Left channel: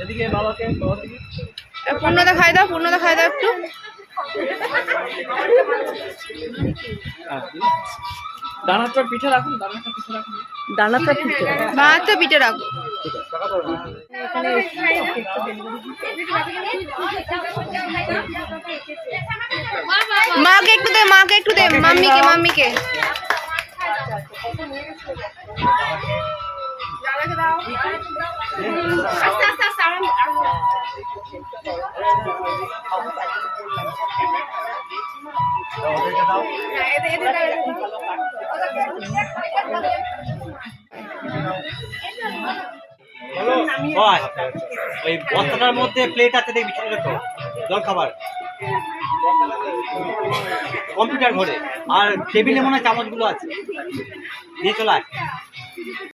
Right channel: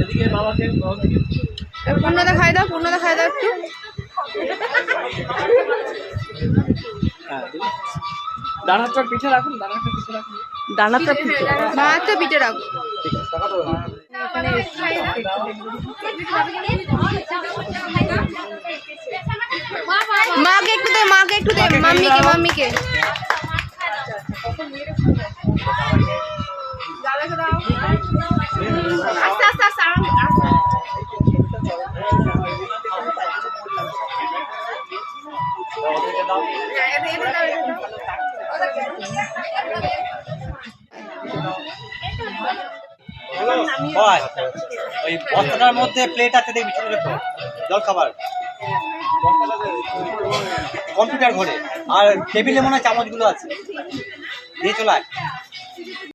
এদিকে বাবাকে পূর্ণদা খাই দাও, পূর্ণদা খাই দাও একটু। ডানাটা পিঠে রাখুন, ডানাটা পিঠে রাখুন, ডানাটা পিঠে, বাঁহাতে পিঠে রাখো। মাকে একটু দে, মাকে একটু দে, মাম্মিকে, মাম্মিকে। ওই বস্তাটার মধ্যে প্লেট আছে দেখবি, ছোট ছোট জল খাবার কম্পিউটার ঘরে, আর টেবিলে মনে হয় চামচগুলো আছে, দিয়ে চলে আয়।